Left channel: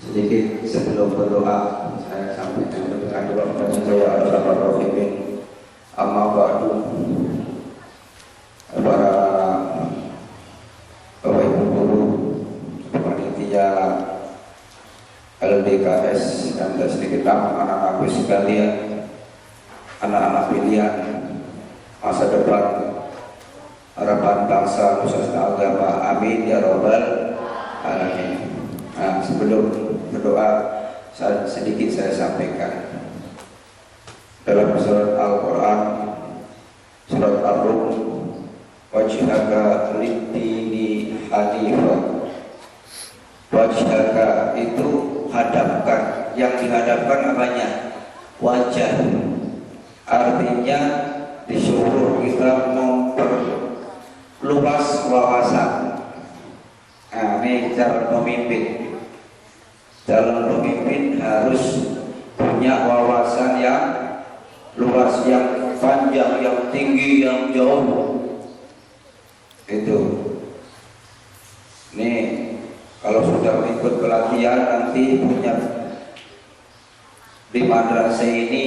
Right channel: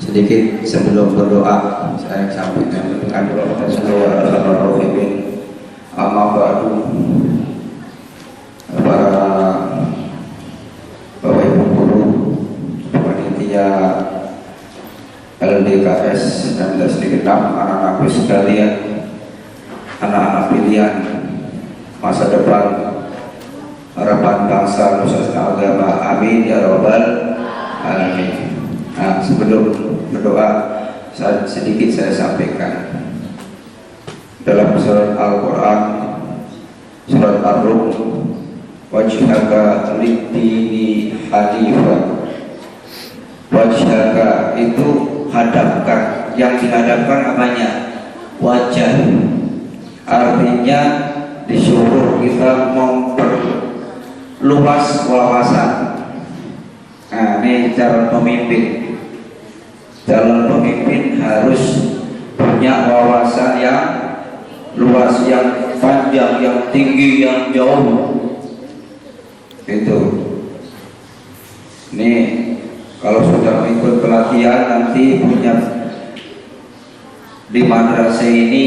Sedikit sebelum berdoa saya sampaikan doa kepada saudara Al-Rafiqin. Amma ba'du, para Bapak Ibu guru, panitia LDKS dan sedikit anak-anakku sekalian, anak-anak pilihan masa depan harapan bangsa Nusantara agama, amin ya robbal alamin. Nah, sebelum berdoa sedikit saya sampaikan dalam surat Al-Quran, surat Ar-Rum, wajhaka lid-dini hanifa. Wajhaka itu hadapkan, yang dihadapkan apanya? Wajah. Artinya disuruh kita memperluas wawasan. Nah, ini calon pemimpin. Calon pemimpin harus punya wawasan yang luas, yang panjang, yang tinggi, yang jauh. Itu. Ini kalau sudah ikut pelatihan nanti punya di madrasah ini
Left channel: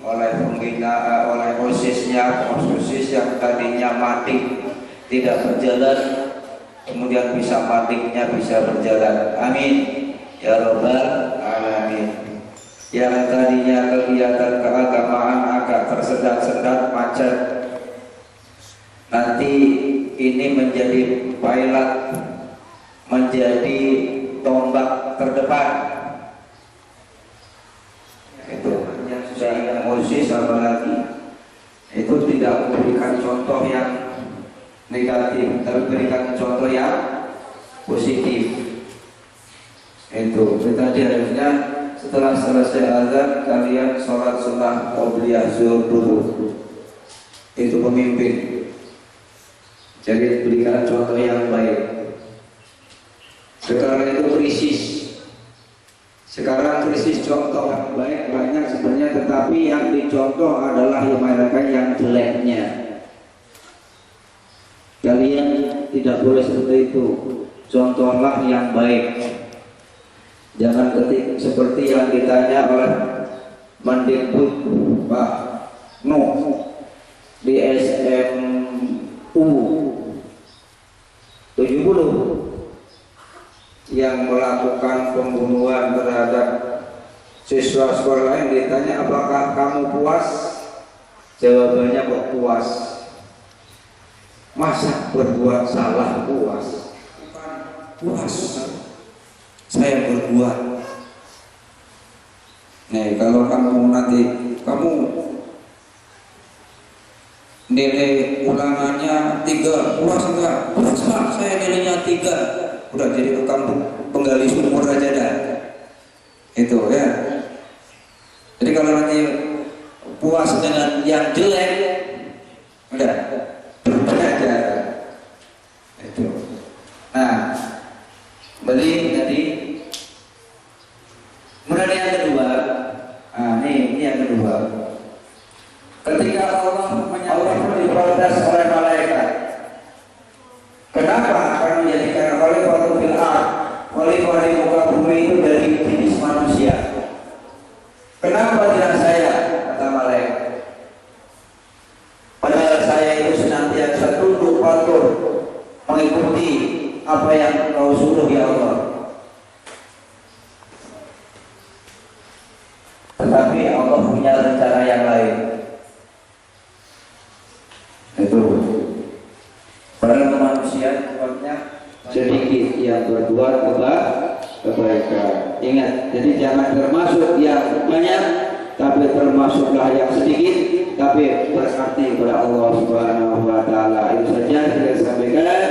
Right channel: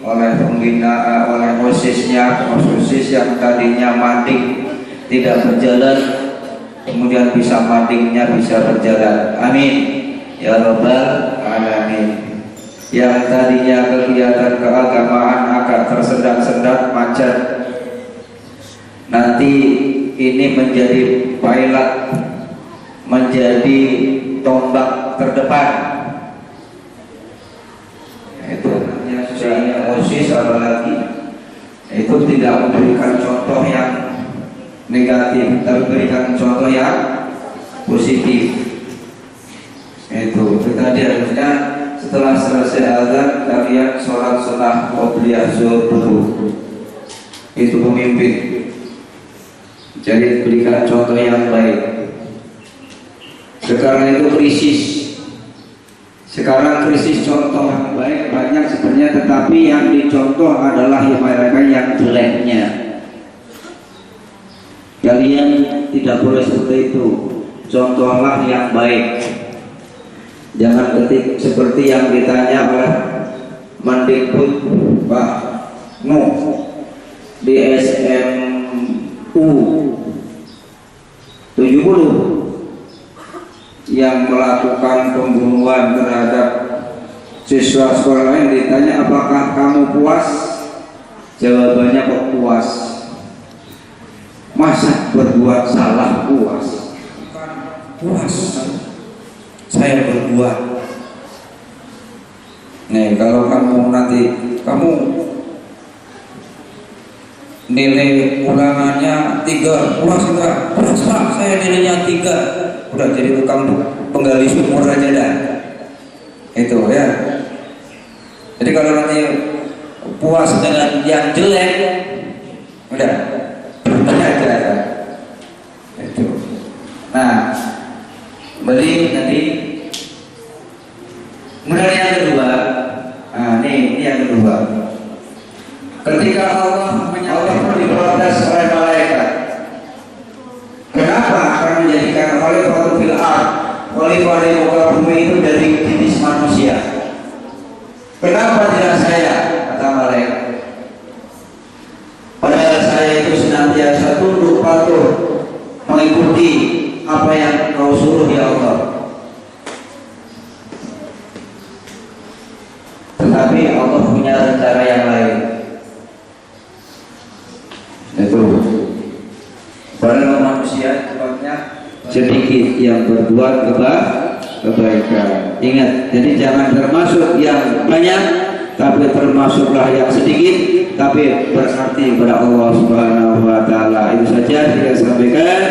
oleh pembina, oleh OSIS-nya, OSIS yang tadinya mading tidak berjalan, kemudian bisa madingnya bisa berjalan. Amin ya robbal alamin. Yang tadinya kegiatan keagamaan agak tersendat-sendat macet, nanti ini menjadi pilot, menjadi tombak terdepan. Itu OSIS apalagi itu tidak memberikan contoh yang negatif, tapi berikan contoh yang positif. Itu tadi harusnya setelah selesai azan kalian sholat sunnah qobliyah zuhur dulu. Itu pemimpin. Jadi berikan contoh yang baik. Sekarang itu krisis. Sekarang krisis contoh yang baik banyak sebenarnya, tetapi yang dicontoh adalah mereka yang jeleknya. Kalian tidak boleh seperti itu. Contohlah yang baik. Jangan ketik seperti yang ditanya oleh Mendikbud Pak Nuh di SMU 70 yang melakukan pembunuhan terhadap siswa sekolah lain. Ditanya apakah kamu puas? Jawabannya kok puas. Masa berbuat salah puas? Bukan puas, saya berbuat. Nih, kalau kamu nanti nilai ulangannya 3, puas enggak? Puas Pak, saya nilainya 3. Udah jadi tukang penggali sumur aja dah. Itu ya. Jadi kalau nanti puas dengan yang jelek, udah berhenti aja. Itu. Nah, beli tadi. Kemudian yang kedua, nah ini yang kedua. Ketika Allah diprotes oleh malaikat, kenapa akan menjadikan khalifah fil ardh, khalifah di muka bumi itu dari jenis manusia? Kenapa tidak saya? Kata malaikat. Padahal saya itu senantiasa tunduk patuh mengikuti apa yang kau suruh ya Allah. Tetapi Allah punya rencana yang lain. Itu para manusia sebabnya sedikit yang berbuat kebaikan. Ingat, jadi jangan termasuk yang banyak, tapi termasuklah yang sedikit, tapi berarti kepada Allah Subhanahu wa taala. Itu saja saya sampaikan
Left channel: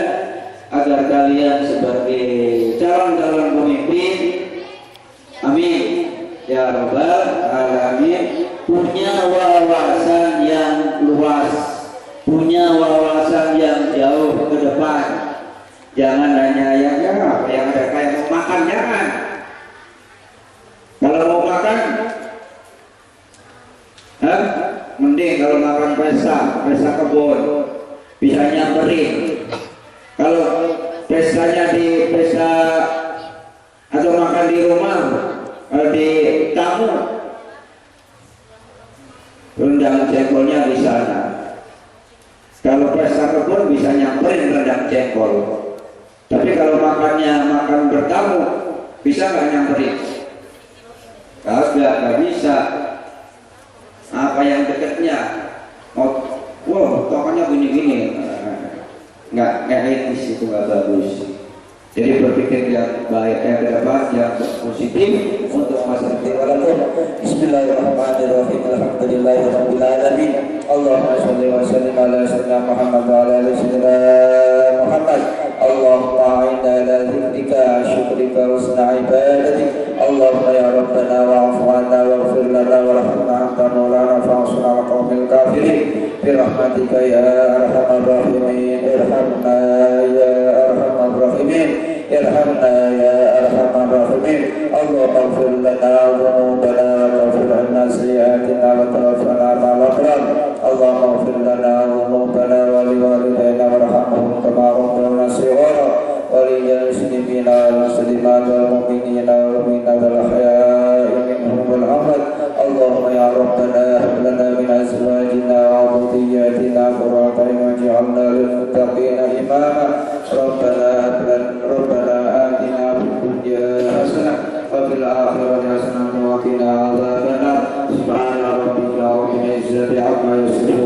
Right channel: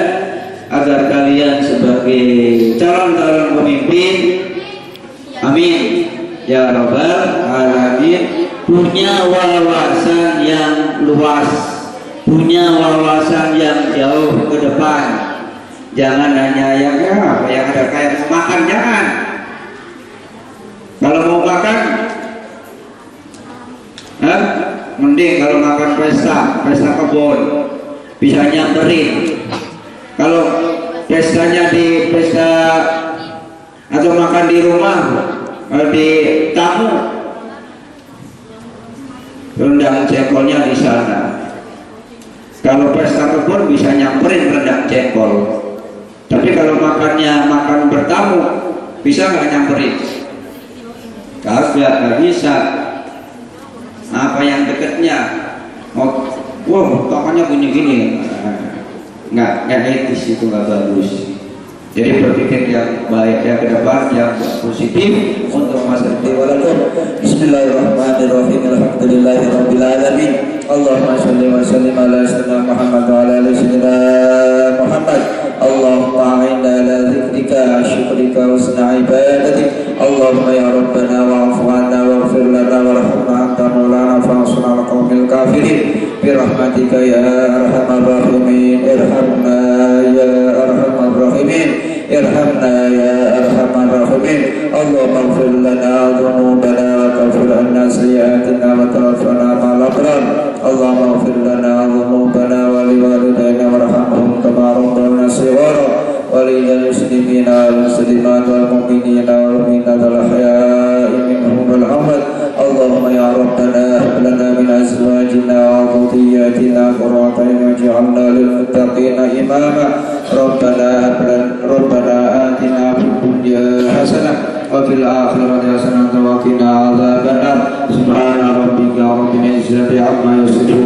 agar kalian sebagai calon-calon pemimpin, amin ya rabbal alamin, punya wawasan yang luas, punya wawasan yang jauh ke depan. Jangan hanya yang apa yang ada kayak makan, jangan. Kalau mau makan, mending kalau makan pesta kebun, bisa nyamperin. Kalau pestanya di pesta atau makan di rumah, di tamu, rendang cekolnya di sana. Kalau pesta kebun bisa nyamperin rendang cekol. Tapi kalau makannya makan bertamu, bisa nggak nyamperin? Nggak bisa. Apa yang dekatnya? Oh, wow, tokonya gini-gini. Nggak etis, itu nggak bagus. Jadi berpikir yang baik, yang ke depan, yang positif untuk masa depan. Bismillahirrahmanirrahim. Alhamdulillahirabbil alamin. Allahumma shalli wa sallim ala sayyidina Muhammad wa ala ali sayyidina Muhammad. Allahumma a'inna ala dzikrika, syukrika, husna ibadatik. Allahumma ya Rabbana wa'fu 'anna waghfir lana warhamna anta maulana fa'ansurna 'alal qaumil kafirin. Bi rahmatika ya arhamar rahimin. Irhamna ya arhamar rahimin. Irhamna ya arhamar rahimin. Allahumma ighfir lana dhunubana wa kaffir 'anna sayyi'atina wa tawaffana ma'al abrar. Allahumma ighfir lana dhunubana wa liwalidayna warhamhum kama rabbawna shighara wa lil muslimina wal muslimat wal mu'minina wal mu'minat al ahya'i minhum wal amwat. Allahumma ya Rabbana hab lana min azwajina wa dhurriyyatina qurrata a'yun waj'alna lil muttaqina imama. Rabbana atina fid dunya hasanah wa fil akhirati hasanah wa qina adzabannar. Subhana rabbika rabbil izzati amma yasifun.